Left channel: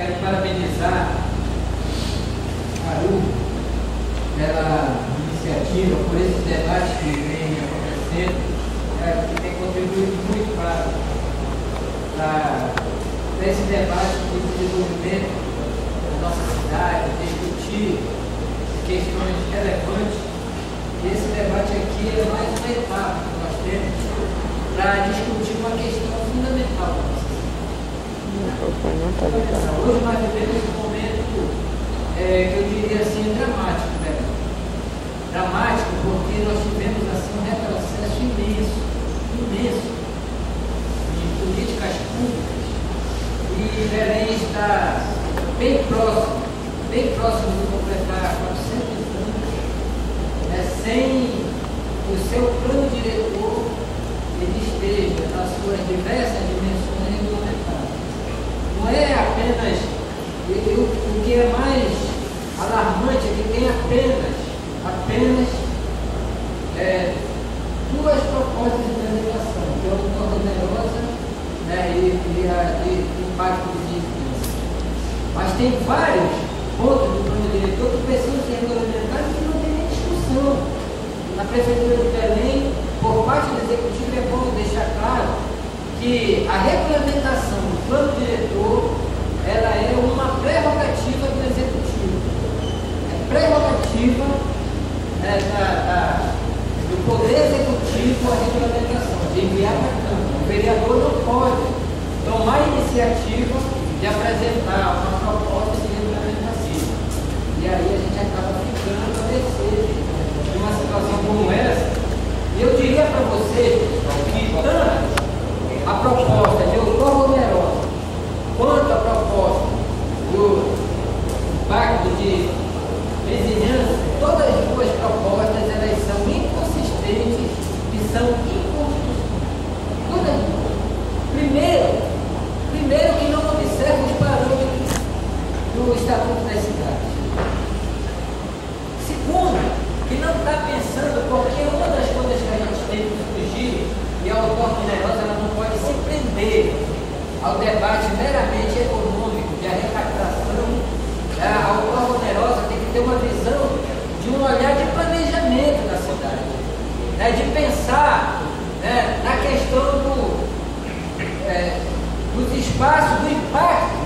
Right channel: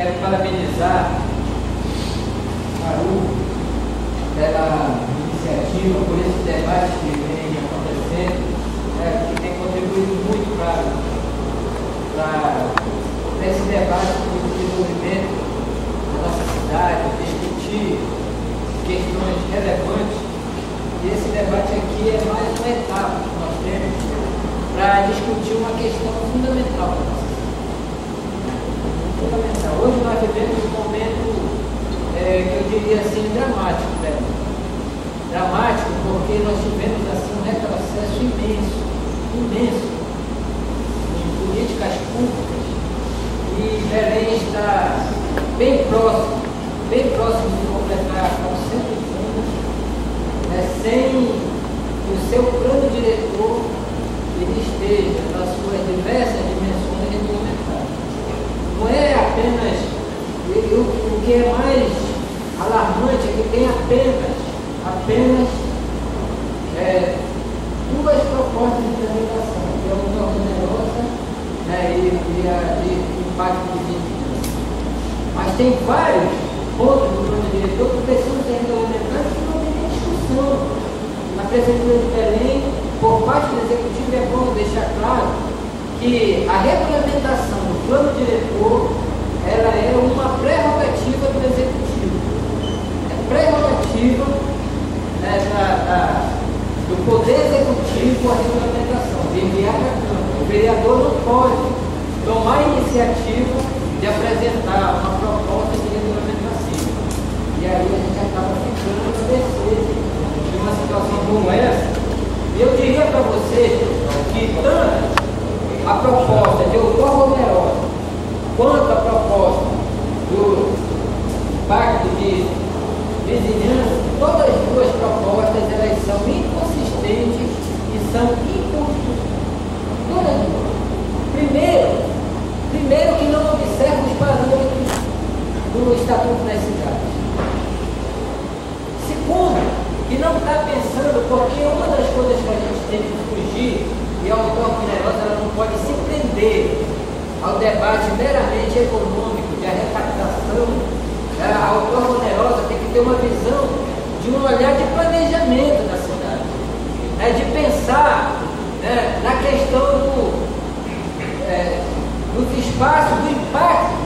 Quero parabenizar a ARU pela iniciativa, por esse debate que vem acontecendo, que tem contribuído muito para esse debate de desenvolvimento da nossa cidade, discutir questões relevantes. E esse debate aqui é mais uma etapa que nós temos para discutir uma questão fundamental para nós. Hoje nós vivemos um momento que eu diria assim, dramático, né? Dramático porque nós tivemos assim um retrocesso imenso em políticas públicas, e Belém está bem próximo de completar 400 anos, sem que o seu plano diretor ele esteja nas suas diversas dimensões regulamentadas. Não é apenas, o que é mais alarmante é que tem apenas duas propostas de tramitação, que é o da onerosa, e a de impacto de finanças. Mas tem vários pontos do plano diretor que precisam ser regulamentados que não tem nem discussão. Na Prefeitura de Belém, por parte do Executivo, é bom deixar claro que a regulamentação do plano diretor ela é uma prerrogativa do Executivo. É prerrogativa do Poder Executivo a regulamentação, de enviar para a Câmara. O vereador não pode tomar a iniciativa de apresentar uma proposta de regulamentação. E aí a gente acaba ficando a mercê de uma situação como essa. E eu diria para vocês, pessoal, que tanto a proposta de outorga onerosa quanto a proposta do pacto de vizinhança, todas as duas propostas elas são inconsistentes e são inconstitucionais. Todas as duas. Primeiro que não observa os parâmetros do Estatuto das Cidades. Segundo, que não está pensando, porque uma das coisas que a gente tem que fugir, e a outorga onerosa ela não pode se prender ao debate meramente econômico, de arrecadação. A outorga onerosa tem que ter uma visão de um olhar de planejamento da cidade, de pensar na questão dos espaços, do impacto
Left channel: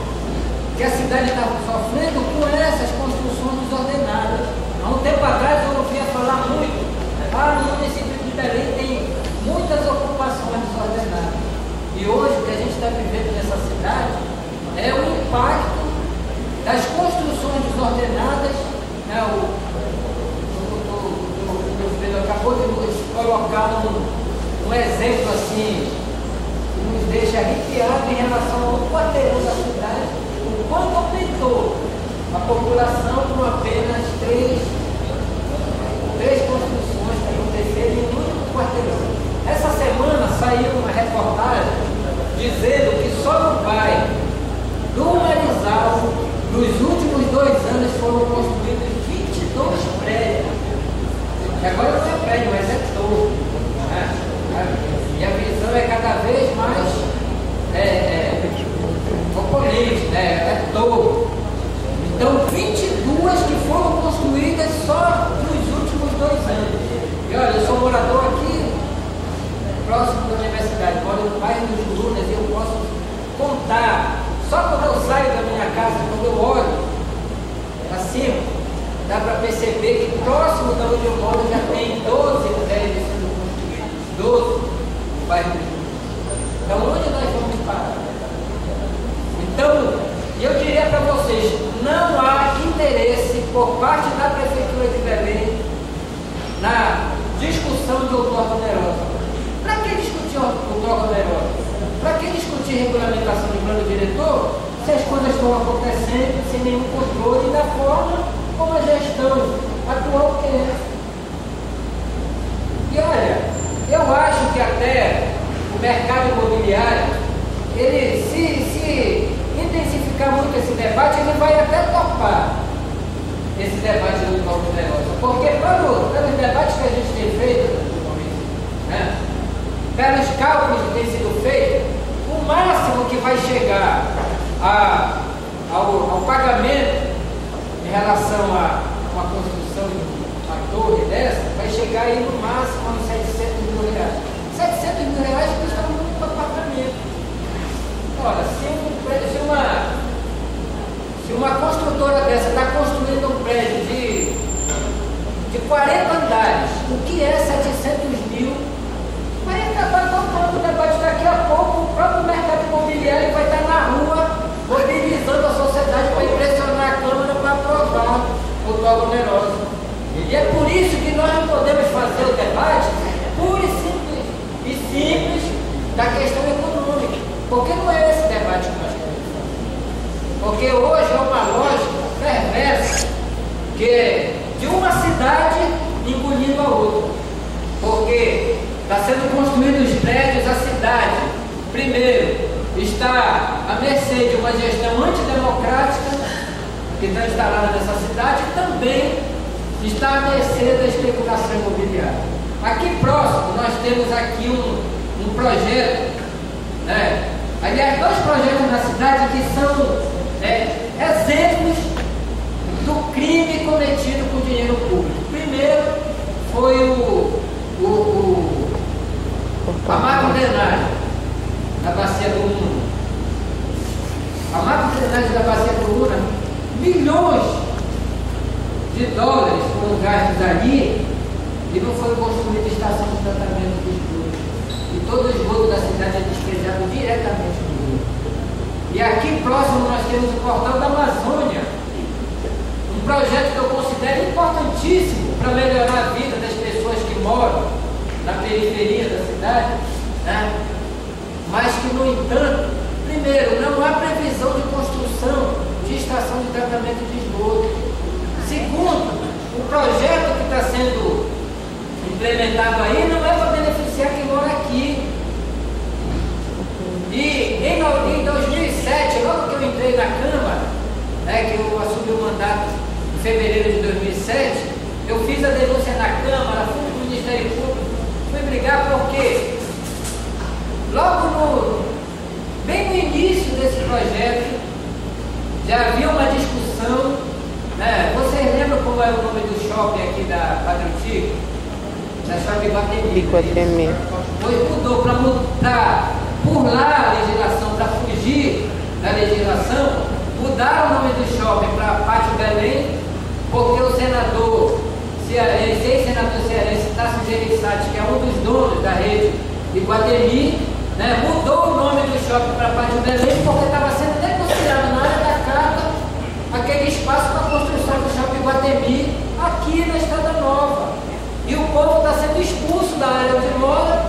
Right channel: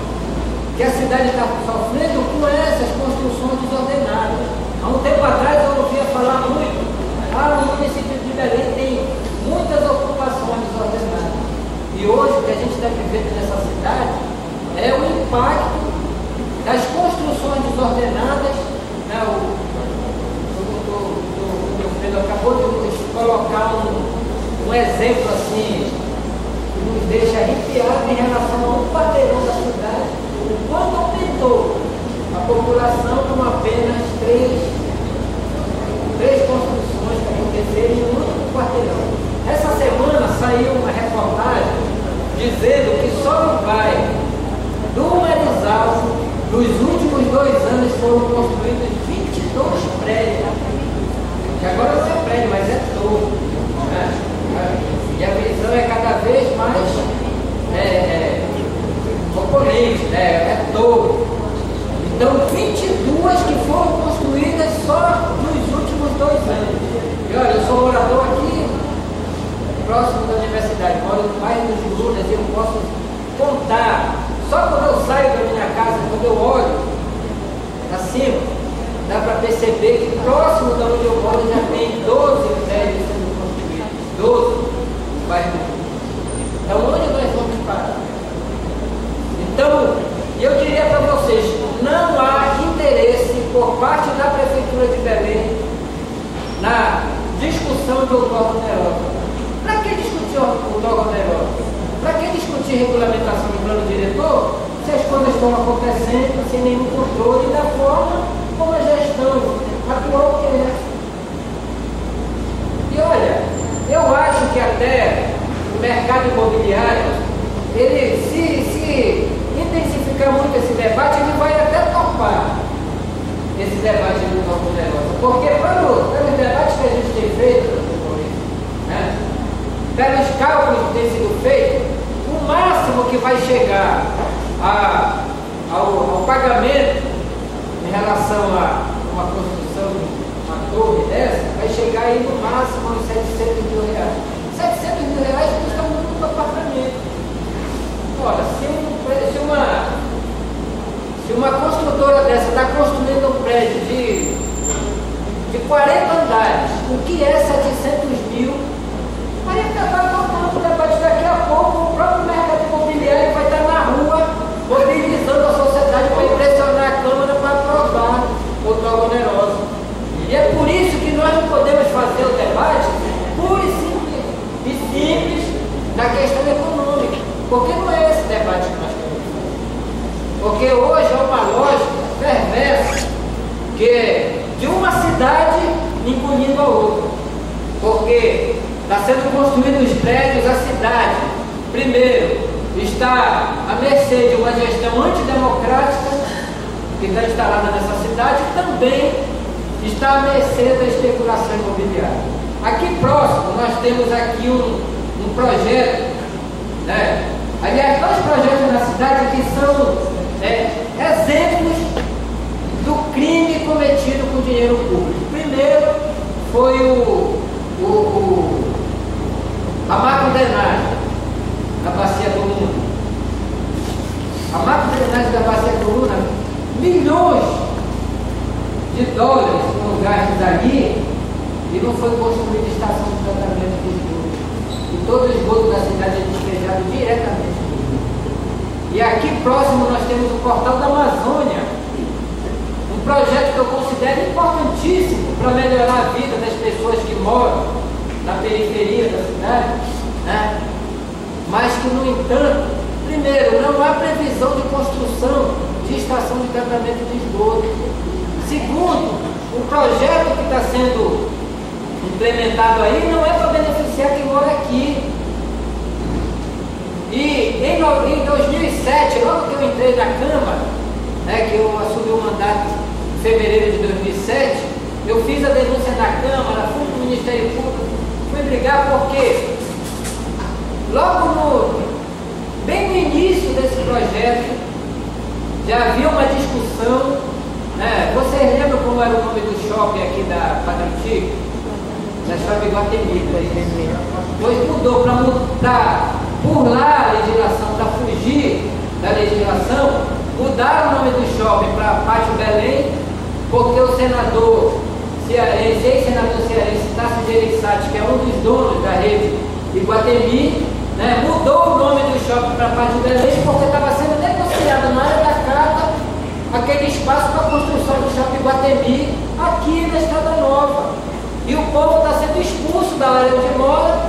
que a cidade está sofrendo com essas construções desordenadas. Há um tempo atrás eu ouvia falar muito, no município de Belém tem muitas ocupações desordenadas. E hoje o que a gente está vivendo nessa cidade é o impacto das construções desordenadas. O Pedro acabou de nos colocar um exemplo assim, que nos deixa arrepiado em relação ao quarteirão da cidade, o quanto aumentou a população com apenas três construções que aconteceram em um único quarteirão. Essa semana saiu uma reportagem dizendo que só no bairro do Marizal, nos últimos 2 anos foram construídos 22 prédios. Que agora não é prédio, mas é torre. E a visão é cada vez mais oponente, é torre. Então, 22 que foram construídas só nos últimos 2 anos. E olha, eu sou morador aqui, próximo da universidade, moro no bairro dos Lunas, e eu posso contar, só quando eu saio da minha casa, quando eu olho acima, dá para perceber que próximo da onde eu moro já tem 12 prédios sendo construídos, 12 no bairro dos Lunas. Então, onde nós vamos parar? Então, eu diria para vocês, não há interesse por parte da Prefeitura de Belém na discussão de outorga onerosa. Para que discutir outorga onerosa? Para que discutir regulamentação de plano diretor se as coisas estão acontecendo sem nenhum controle e da forma como a gestão atual quer? E olha, eu acho que até o mercado imobiliário, ele se intensificar muito esse debate, ele vai até topar esse debate do outorga onerosa. Porque pelos debates que a gente tem feito, pelos cálculos que têm sido feitos, o máximo que vai chegar ao aí no máximo uns 700 mil reais. 700 mil reais custa muito apartamento. Olha, se uma construtora dessa está construindo um prédio de 40 andares, o que é 700 mil? Aí acabar tocando o debate daqui a pouco, o próprio mercado imobiliário vai estar na rua mobilizando a sociedade para impressionar a Câmara para aprovar o dólar oneroso. E é por isso que nós não podemos fazer o debate puro e simples da questão econômica, porque não é esse debate que nós temos. Porque hoje é uma lógica perversa que é de uma cidade engolindo a outra. Porque está sendo construídos os prédios, a cidade, primeiro, está à mercê de uma gestão antidemocrática que está instalada nessa cidade e também está à mercê da especulação imobiliária. Aqui próximo nós temos aqui um projeto, né? Aliás, dois projetos na cidade que são exemplos do crime cometido com dinheiro público. Primeiro foi a macro-drenagem da Bacia do Luna. A macro-drenagem da Bacia do Luna, milhões de dólares foram gastos ali e não foi construída estação de tratamento de esgoto. E todo o esgoto da cidade é despejado diretamente no rio. E aqui próximo nós temos o Portal da Amazônia, um projeto que eu considero importantíssimo para melhorar a vida das pessoas que moram na periferia da cidade, né? Mas que, no entanto, primeiro, não há previsão de construção de estação de tratamento de esgoto. Segundo, o projeto que está sendo implementado aí não é para beneficiar quem mora aqui. E em 2007, logo que eu entrei na Câmara, né, que eu assumi o mandato em fevereiro de 2007, eu fiz a denúncia na Câmara, fui para o Ministério Público, fui brigar porque bem no início desse projeto já havia uma discussão, né? Vocês lembram como era o nome do shopping aqui da Padre Chico? Da Shopping Guatemi. Pois mudou para burlar a legislação, para fugir da legislação, mudaram o nome do shopping para Pátio Belém, porque o senador cearense, ex-senador cearense Tasso Gereissati, que é um dos donos da rede de Guatemi, né, mudou o nome do shopping para Pátio Belém, porque estava sendo negociado na área da Carta aquele espaço para a construção do shopping Guatemi aqui na Estrada Nova. E o povo está sendo expulso da área onde mora,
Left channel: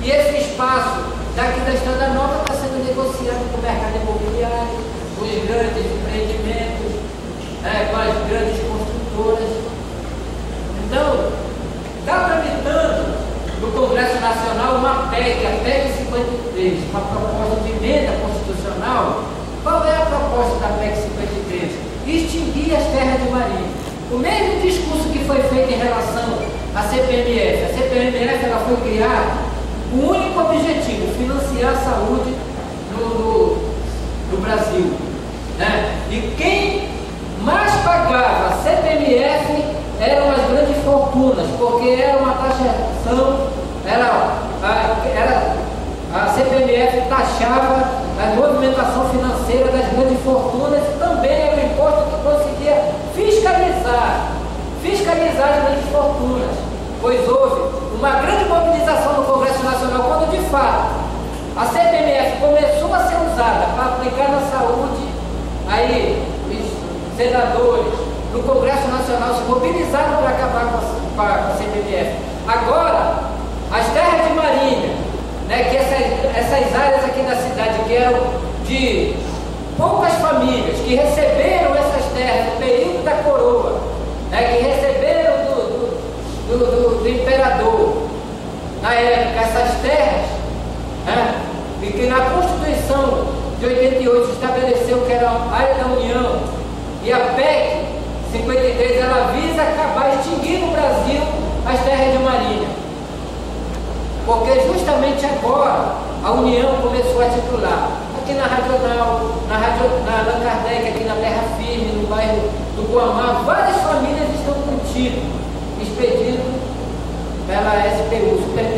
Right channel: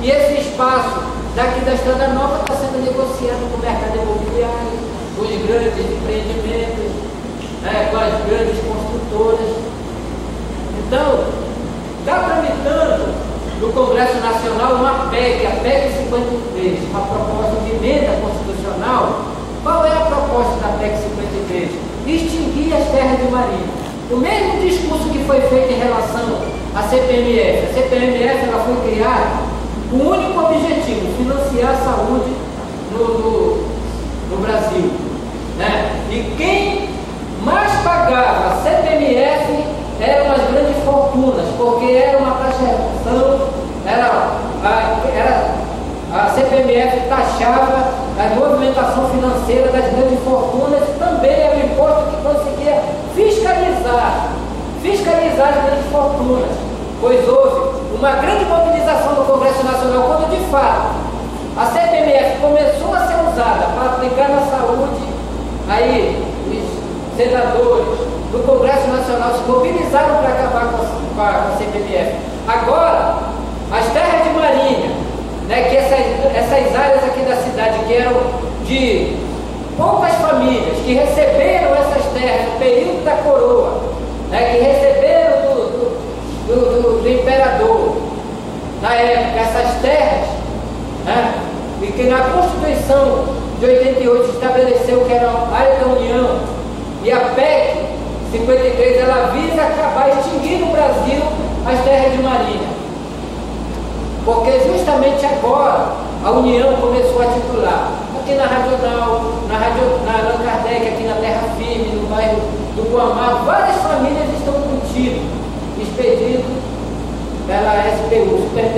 e esse espaço daqui da Estrada Nova está sendo negociado com o mercado imobiliário, com os grandes empreendimentos, com as grandes construtoras. Então, está tramitando no Congresso Nacional uma PEC, a PEC 53, uma proposta de emenda constitucional. Qual é a proposta da PEC 53? Extinguir as terras de marinha. O mesmo discurso que foi feito em relação à CPMF. A CPMF ela foi criada com o único objetivo, financiar a saúde no Brasil, né? E quem mais pagava a CPMF eram as grandes fortunas, porque era uma taxação, a CPMF taxava a movimentação financeira das grandes fortunas e também era um imposto que conseguia fiscalizar as grandes fortunas, pois houve uma grande mobilização no Congresso Nacional quando de fato a CPMF começou a ser usada para aplicar na saúde. Aí os senadores do Congresso Nacional se mobilizaram para acabar com a CPMF. Agora, as terras de marinha, né, que essas áreas aqui da cidade que eram de poucas famílias, que receberam essas terras no período da coroa, né, que receberam do imperador, na época, essas terras, né, e que na Constituição de 88 estabeleceu que era a área da União, e a PEC 53 ela visa acabar, extinguir no Brasil as terras de marinha, porque justamente agora a União começou a titular aqui na Radional, na Allan Kardec, aqui na Terra Firme, no bairro do Guamá, várias famílias estão com título expedido pela SPU, Superintendência